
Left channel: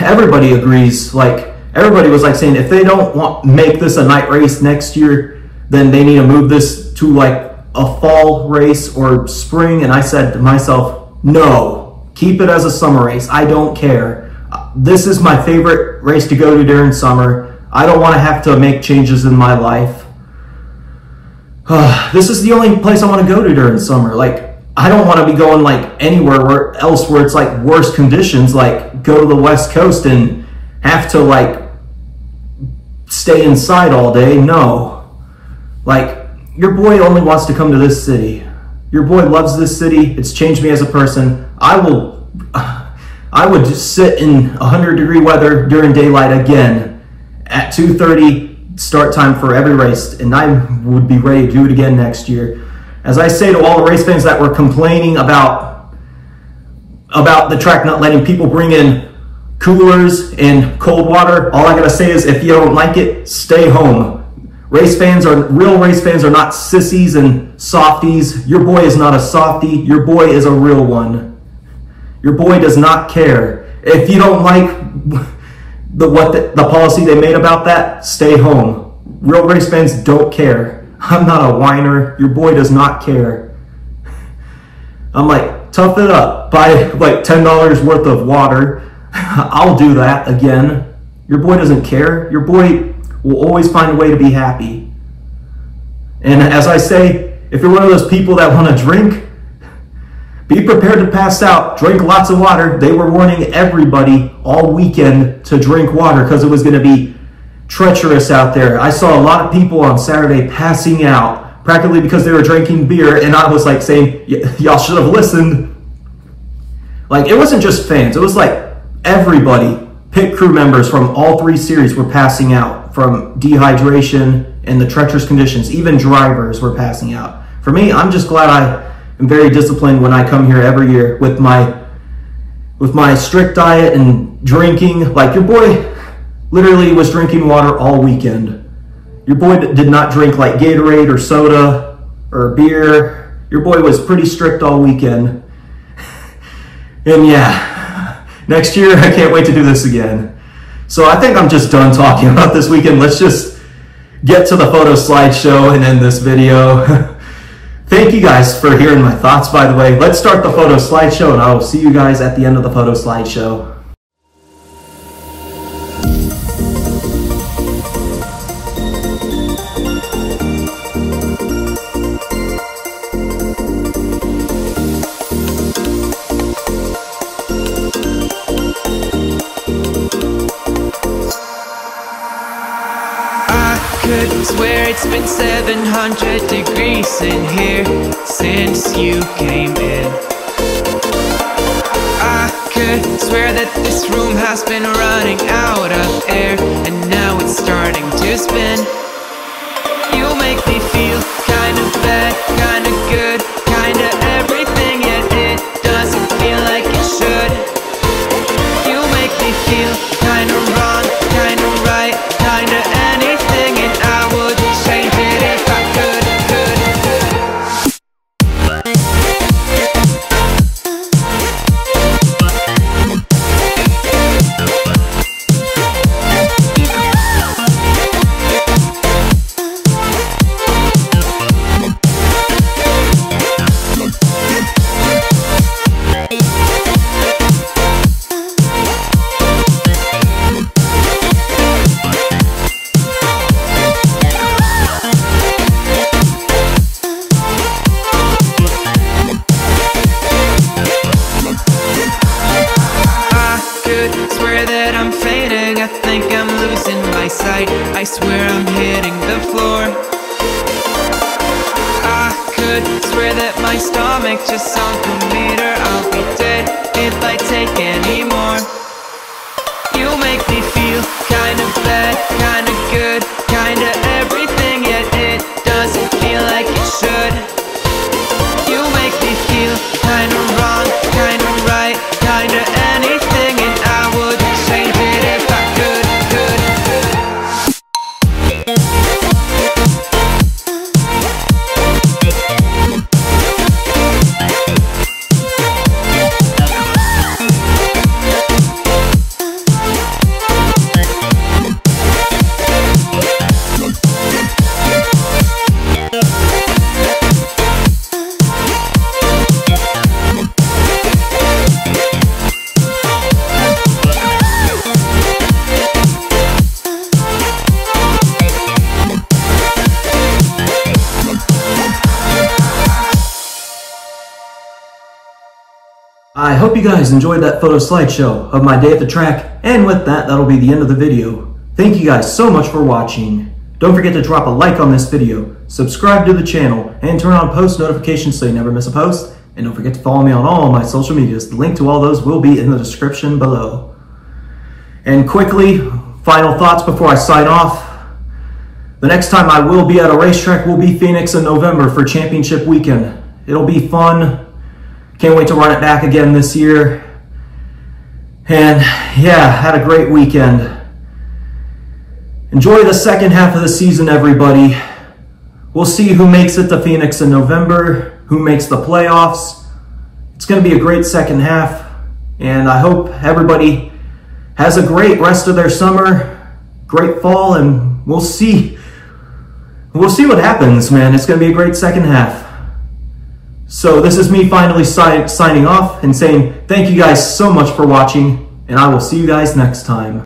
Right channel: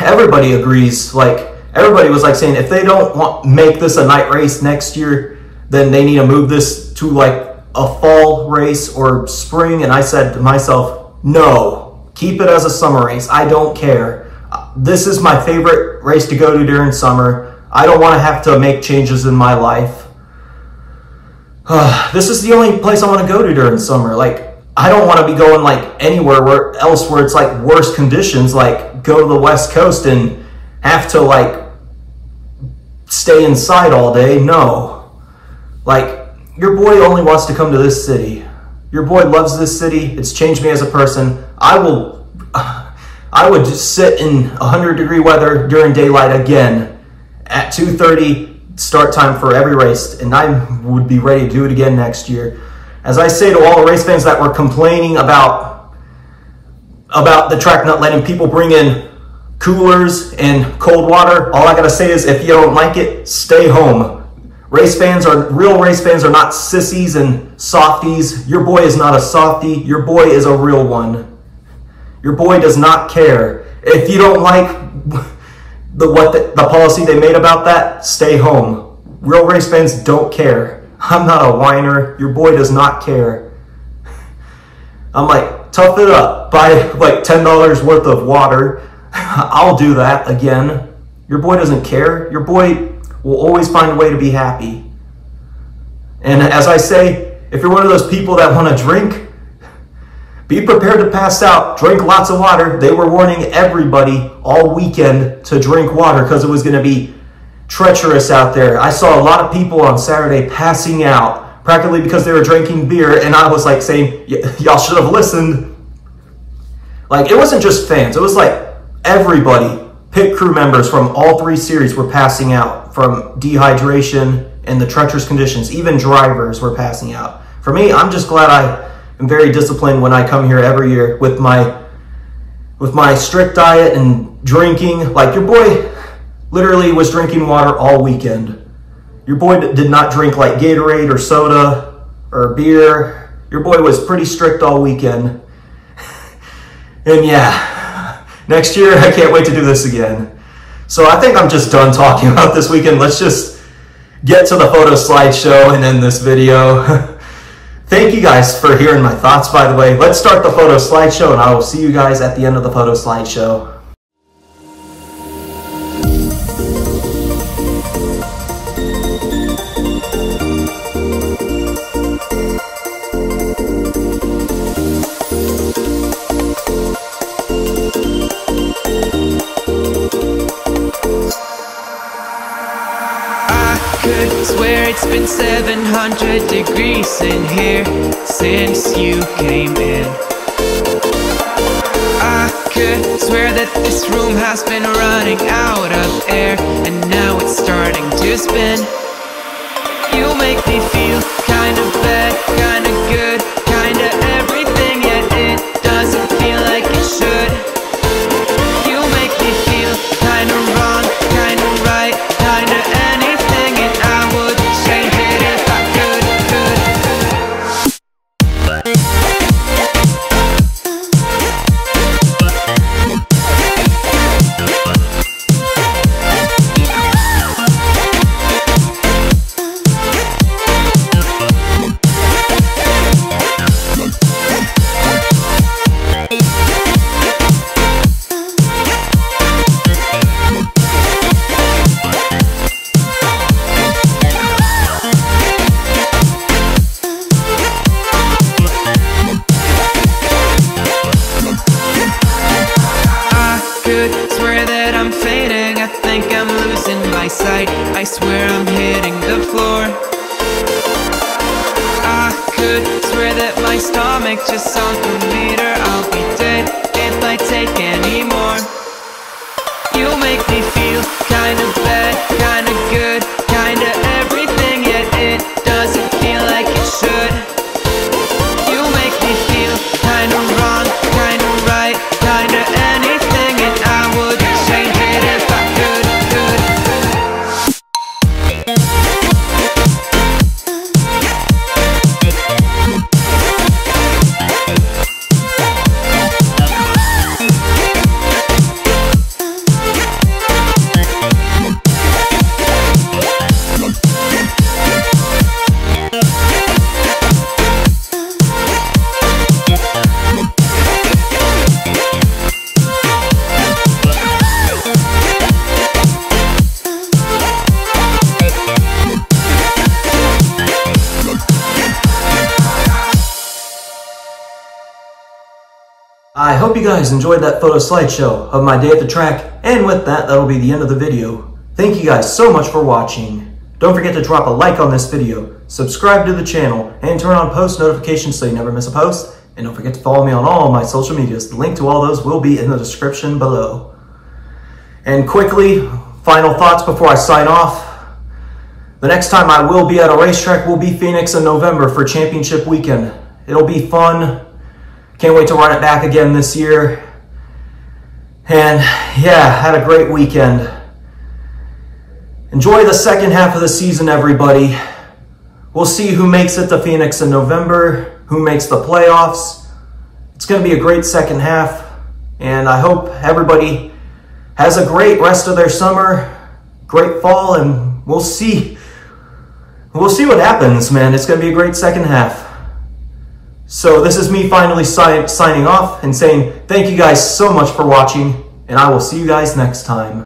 Everybody agrees. Like, everybody was like saying, if they don't make this a night race next year, then they need to move this to like a fall race or spring. And I said to myself, no, keep it as a summer race. I don't care. This is my favorite race to go to during summer. I don't want to have to make changes in my life. This is the only place I want to go to during summer. Like, I don't want to be going like anywhere else where it's like worse conditions, like go to the West Coast and have to like stay inside all day. No. Like, your boy only wants to come to this city. Your boy loves this city. It's changed me as a person. I would just sit in 100-degree weather during daylight again at 2:30 start time for every race, and I would be ready to do it again next year. As I say to all the race fans that were complaining about the track not letting people bring in coolers and cold water, all I gotta say is, if you don't like it, stay home. Real race fans are not sissies and softies. Your boy is not a softie. Your boy is a real one. Your boy does not care. If you don't like the policy they made about that, stay home. Real race fans don't care. I'm not a whiner. Your boy does not care. I'm like, tough it up. Buy like $10 worth of water. I'll do that again. Your boy doesn't care. Your boy will always find a way to be happy. And as I say, if you're one of those people that want to drink, be prepared to pass out. Drink lots of water. They were warning everybody all weekend to drink water because it was going to be treacherous out there. I saw a lot of people on Saturday passing out practically because they were drinking beer, and I was like saying, y'all should have listened. Like, it wasn't just fans. It was like everybody, pit crew members from all 3 series were passing out from dehydration and the treacherous conditions. Even drivers were passing out. For me, I'm just glad I'm very disciplined when I come here every year with my strict diet and drinking. Like, your boy literally was drinking water all weekend. Your boy did not drink like Gatorade or soda or beer. Your boy was pretty strict all weekend. And yeah, next year I can't wait to do this again. So I think I'm just done talking about this weekend. Let's just get to the photo slideshow and end this video. Thank you guys for hearing my thoughts, by the way. Let's start the photo slideshow, and I will see you guys at the end of the photo slideshow. Could swear it's been 700 degrees in here since you came in. I could swear that this room has been running out of air, and now it's starting to spin. You make me feel kinda bad, kinda good, kinda everything, yet it doesn't feel like it should. You make me feel kinda wrong, kinda right, kinda anything, and I would change it if I could. I swear I'm hitting the floor. I could swear that my stomach just sunk a meter. I'll be dead if I take any more. You make me feel kinda bad, kinda good, kinda everything, yet it doesn't feel like it should. You make me feel kinda wrong, kinda right, kinda anything, and I would change it if I could. hope you guys enjoyed that photo slideshow of my day at the track, and with that, that'll be the end of the video. Thank you guys so much for watching. Don't forget to drop a like on this video, subscribe to the channel, and turn on post notifications so you never miss a post. And don't forget to follow me on all my social medias. The link to all those will be in the description below. And quickly, final thoughts before I sign off. The next time I will be at a racetrack will be Phoenix in November for championship weekend. It'll be fun. Can't wait to run it back again this year. And yeah, had a great weekend. Enjoy the second half of the season, everybody. We'll see who makes it to Phoenix in November, who makes the playoffs. It's going to be a great second half, and I hope everybody has a great rest of their summer, great fall, and we'll see what happens, man. It's going to be a great second half. So this is me finally signing off and saying thank you guys so much for watching, and I will see you guys next time.